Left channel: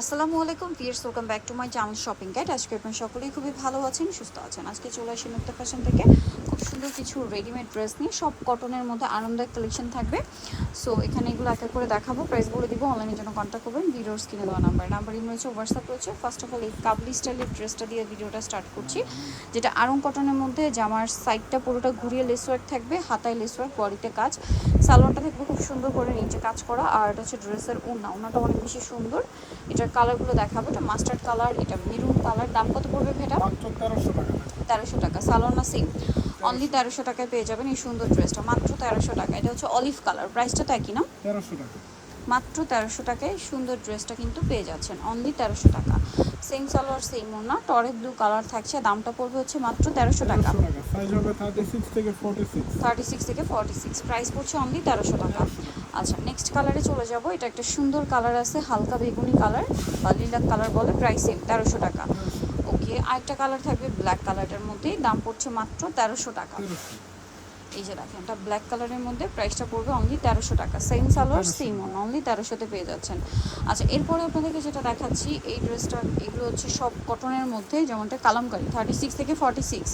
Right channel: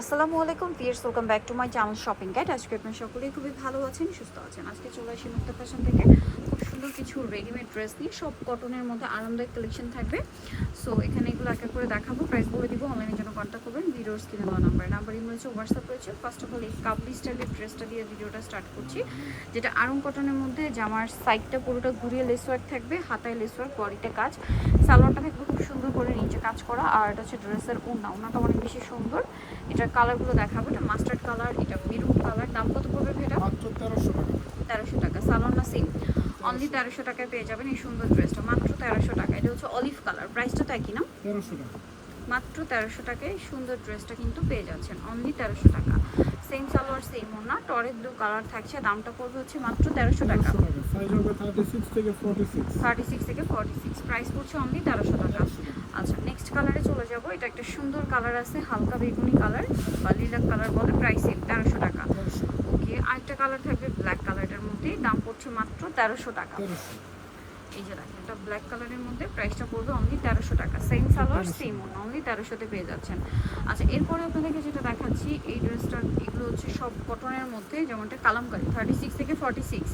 আসসালামু আলাইকুম fierce welcome back to my channel shopping guide. আজকে আপনার সকলেই খুবই ভালো আছেন, সুস্থ আছেন। আজকে চলে আসি মুক্ত ফ্যাশন থেকে। সুন্দর কিছু রেডিমেড ড্রেস নিয়ে সব কটনের মধ্যে আনন্দের কালেকশন থাকবে। সো এখানে এগুলো এক এক করে দেখাবো প্রাইস বলে দিব অনলাইনের জন্য কন্ট্যাক্ট করবেন ভিডিওর স্ক্রিনে দেওয়া নাম্বার নাম্বার ইমেল রয়েছে হোয়াটসঅ্যাপ রয়েছে। ফার্স্ট অফ অল এই কাবলি স্টাইলের ড্রেসটা দিয়ে ভিডিওটা স্টার্ট করছি যেটা আরং কটনের মধ্যে জামার সাইডটা পুরোটা ঘুরিয়ে লেস ওয়ার্ক থাকবে হাতায় লেস ওয়ার্ক বডিতে কাজ। সালোয়ারটা থাকবে খুব সুন্দর করে নিচে কাজ করা আর এটা হচ্ছে ড্রেসের ওড়না ওড়নাটা অনেক বেশি সুন্দর। এটার কালারগুলো দেখাবো এটা মাস্টার্ড কালার এটা মেরুন কালার দাম কত পড়বে ভেটা? মাত্র তেরোশো টাকা। তেরোশো টাকা সালোয়ার না সেম অনলি তেরোশো টাকায় পেয়ে যাবেন এই সুন্দর ড্রেসটা মাত্র তেরোশো টাকা। এটা হচ্ছে অলিভ কালার প্রাইসটা তো একই না? তেরোশো টাকা। মাত্র তেরোশো টাকায় সুন্দর ড্রেসটা কিন্তু পেয়ে যাচ্ছেন। অনলি তেরোশো টাকা। সেম সালোয়ার সেম ওনা টরেক ব্লু কালার থাকছে। দামটা পড়বে হচ্ছে মাত্র তেরোশো টাকা। থার্টি সিক্স থেকে ফোর্টি সিক্স প্রাইস পড়ছে অনলি তেরোশো টাকা। আচ্ছা নেক্সট কালারে চলে যাব। এটা একটা সুন্দর কালার আছে হালকা বেগুনি কালার বা লিলাক কালার বলে। প্রাইস সেম তেরোশো টাকা। আরেকটা কালার থাকবে ব্ল্যাক কালারের মধ্যে দাম পড়ছে মাত্র তেরোশো টাকা। এই যে দেখেন এটা ব্ল্যাক কালারের মধ্যে প্রাইসটা পড়বে অনলি তেরোশো টাকা। Same salwar same one only তেরোশোতে পেয়ে যাচ্ছেন। আচ্ছা এরপরে আপনাদেরকে যেটা দেখাচ্ছি এই ড্রেসটা এগুলো হচ্ছে সব কটনের মধ্যে যেমনটা কালামকারি থার্টি সিক্স থেকে ফর্টি সিক্স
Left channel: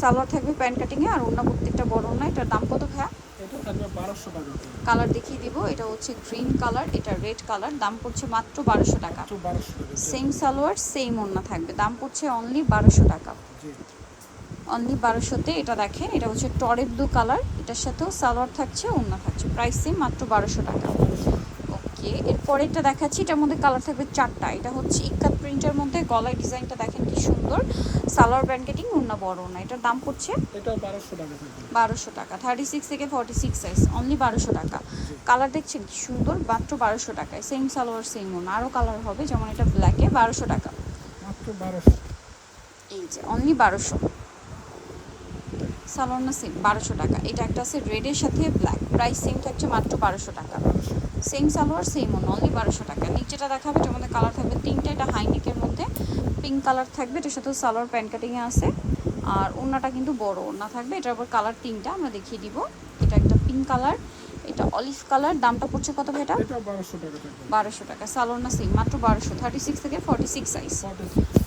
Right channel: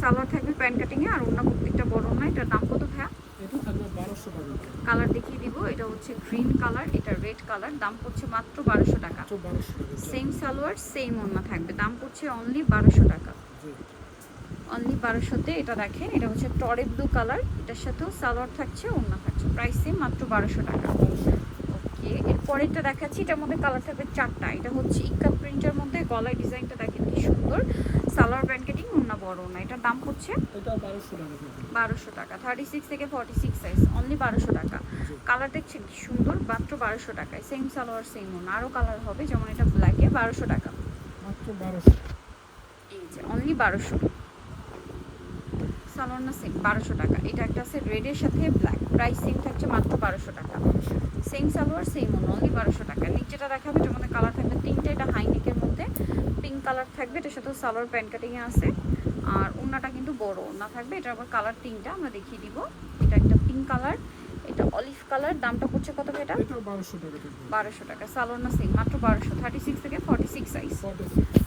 সালোয়ার থাকবে প্যান্ট কাটিংয়ে আর অন্য প্রত্যেকটা বড় না এটার দাম কত ভাইয়া? এটা থাকবে বারোশো টাকা কালার দেখিয়ে দিব এটা হচ্ছে গ্রিন কালার এটা রেড কালার দাম পড়ছে মাত্র বারোশো টাকা। মাত্র বারোশো টাকা সেম সালোয়ার সেম ওন্না থাকবে দাম পড়ছে অনলি বারোশো টাকা। জি। অনলি বারোশোতে এটা দেখেন এটা হচ্ছে টরের দু কালার এটার সাথেও সালোয়ার থাকছে ওন্না থাকছে প্রাইস সেম মাত্র বারোশো টাকা। ওকে এরপরে এটা দেখাচ্ছি এটার মধ্যে কালার থাকবে চারটা। এটা হচ্ছে ইক্কা প্রিন্টের মধ্যে গলার ডিজাইনটা দেখেন কি সুন্দর। সালোয়ার ব্র্যান্ডেটিং ওন্না বড় না এটার দাম পড়ছে বারোশো টাকা থার্টি সিক্স থেকে ফর্টি সিক্স সাইজ অনলি বারোশো টাকা। কালার দেখছেন কি সুন্দর মাত্র বারোশো টাকায়। সেম সালোয়ার সেম ওনা আরও কালার হবে যেমন এটা ব্ল্যাকে বারোশো টাকা। মাত্র বারোশো। এই যে অনলি বারোশো। সালোয়ার না সেম বারোশো টাকা। এটা একটা আছে রেডের সাথে ব্ল্যাক প্রাইস সেম থাকছে মাত্র বারোশো টাকা। সেম সালোয়ার সেম অনলি বারোশো টাকা। নিচেটা দেখাবে এটার মধ্যে কালার থাকবে তিনটে এটা হাইনেকের মধ্যে। পিঙ্ক কালার থাকবে এটার সাথে সালোয়ার প্যান্ট কাটিংয়ে আছে। আর ওনাটা কিন্তু বড় ওনা থাকবে এটার আবার কালার তিনটা আমরা দেখিয়ে দিব। এটা একটা পিঙ্ক কালার এটা অলিভ কালার দামটা পড়ছে কত এটা? এটা বারোশো টাকা থাকবে। বারোশো টাকা সালোয়ার না সেম মাত্র বারোশো থার্টি সিক্স থেকে ফর্টি সিক্স সাইজ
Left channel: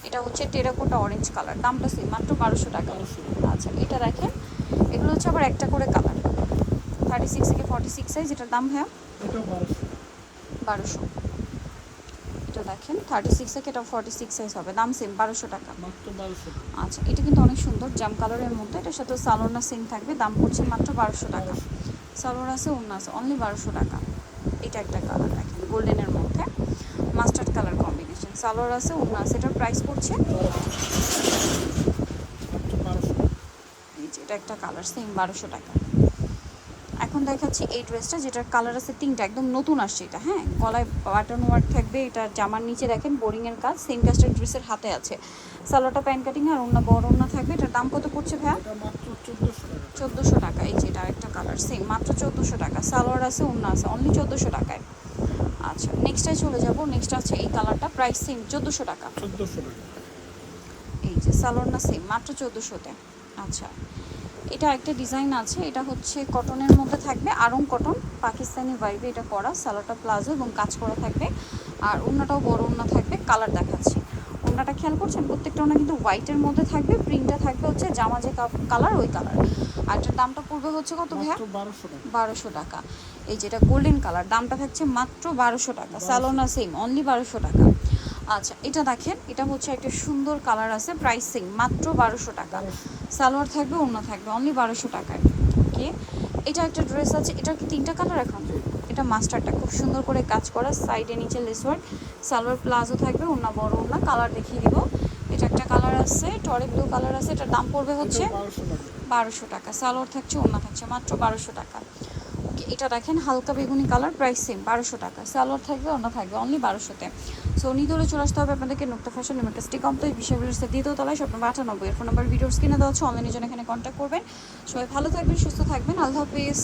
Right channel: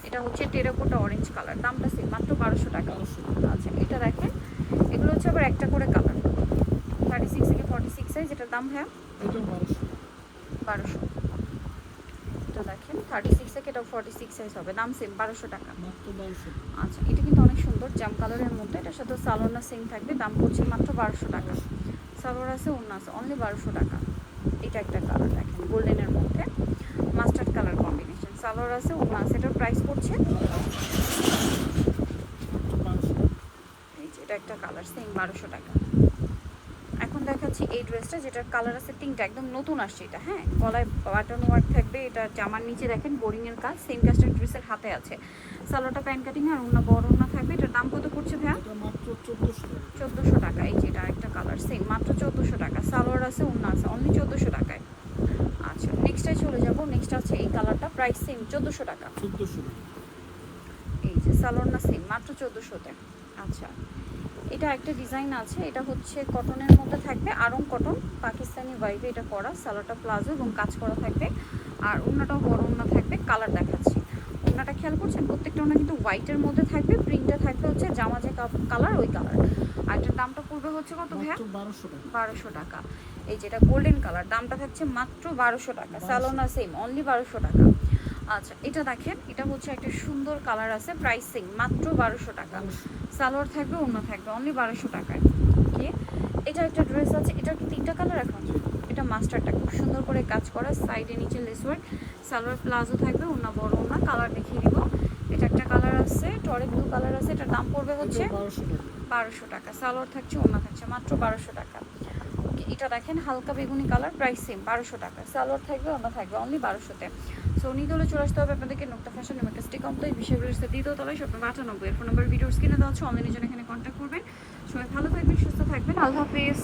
এটা হচ্ছে টেরাকোটা অরেঞ্জ কালার দামটা সেম মাত্র বারোশো টাকা। আচ্ছা এটা দেখেন এগুলো হচ্ছে আবার একটা করে কালার থার্টি সিক্স থেকে ফর্টি সিক্স সাইজ এটার দাম হ্যাঁ বারোশো। এটা দেখেন থার্টি সিক্স থেকে এটা ফর্টি সিক্স সাইজ হবে। দাম সেম বারোশো টাকা। আচ্ছা এটা কিন্তু অনেক সুন্দর জাম কালারের মধ্যে। এটার সাথে সালোয়ার সেম থাকবে দাম পড়ছে মাত্র বারোশো টাকা। সালোয়ার আছে অন্য আছে অনলি বারোশো টাকা। এটা একটা কালার দেখেন গোল্ডেনের মধ্যে। মাস্টার্ড কালার কম্বিনেশন সালোয়ার আছে অন্য আছে এটার প্রাইস পড়ছে মাত্র বারোশো টাকা এই যে এটা একটা কালার সেম বারোশো টাকা। এখন দেখাচ্ছি এই ড্রেসটা যেটার কালার আছে তিনটা একদম নতুন আসছে এটা হ্যাঁ? গলায় বাটন ওয়ার্ক থাকবে এটা জামার নিচে দেখেন বোরিংয়ের কাজ সেম কাজটা ড্রেসের হাতে আছে। সালোয়ারটা প্যান্ট কাটিং আর অন্য বড় অন্য থাকবে এটার দাম কত পড়ছে ভাইয়া? মাত্র চোদ্দোশো টাকা। চোদ্দোশো টাকা এই যে এটা আরেকটা কালার সেম মাত্র চোদ্দোশো টাকা। সালোয়ার আছে অন্য আছে অনলি চোদ্দোশো টাকায়। আচ্ছা নেক্সটে চলে যাব নেক্সট আছে এই কালারটা প্রাইস সেম চোদ্দোশো টাকা। চোদ্দোশো টাকা। এই যে সালোয়ারটা সেম মাত্র চোদ্দোশোতে। আচ্ছা এটা একটা ডিজাইন আছে এটা হচ্ছে কটনের মধ্যে থাকবে আরং কটন পাকিস্তানি ভাইবে এটা পরা সালোয়ারটা প্লাজো এবং কাজ করা থাকবে। আর অন্যটাও বড় অন্য থাকবে কালার দেখাচ্ছে। অন্যটা খেয়াল করছেন প্রত্যেকটা ওনা কিন্তু হোয়াইটের মধ্যে থাকবে প্রিন্টটা থাকবে হচ্ছে জামা যে কালার ওই কালার আর এটার দামটা পড়বে হচ্ছে কত মাত্র বারোশো টাকা। বারোশো টাকা। এই যেটা গোল্ডেন কালার দামটা থাকছে মাত্র বারোশো টাকা। সালোনা সেম অনলি বারোশো টাকা। আচ্ছা এটা দেখেন এটা হচ্ছে একটা সুন্দর কালার আছে প্রাইস মাত্র বারোশো টাকা। সালোয়ার থাকবে অন্য থাকবে অনলি বারোশো টাকায়। ওকে এটা একটা ড্রেস আছে এটা কি তিনটা কালার এখন? এটা মাস্টারটা খুব সুন্দর করে কাজ করা সাইডে নিচে লেসওয়ার্ড সালোয়ার প্লাজো থাকবে অন্য বড় অন্য কালার দেখিয়ে দিব। এটা একটা কালার আছে টরে ব্লু কালার আছে এটার দাম পড়বে হচ্ছে বারোশো টাকা। বারোশো টাকা সালোয়ার থাকছে অন্য থাকছে মাত্র বারোশো টাকা। ওকে এটা দেখেন হালকা বেগুনি কালার প্রাইস সেম বারোশো টাকা সালোয়ার থাকবে অন্য থাকবে অনলি বারোশোতে। সো নিদলে চলে আসতে হবে আপনাদেরকে নুক্তা ফ্যাশন লিমিটেড স্টিক কমপ্লিট বিষয়গুলোর সাথে দ্বিতীয় তলায় নম্বর আটানব্বই। ফোন নাম্বার ভিডিও স্ক্রিনে দেওয়া হচ্ছে অনলাইনে জন্য এখানে কন্ট্যাক্ট করবেন। সবাই ভালো থাকবেন, সুস্থ থাকবেন। আল্লাহ হাফেজ।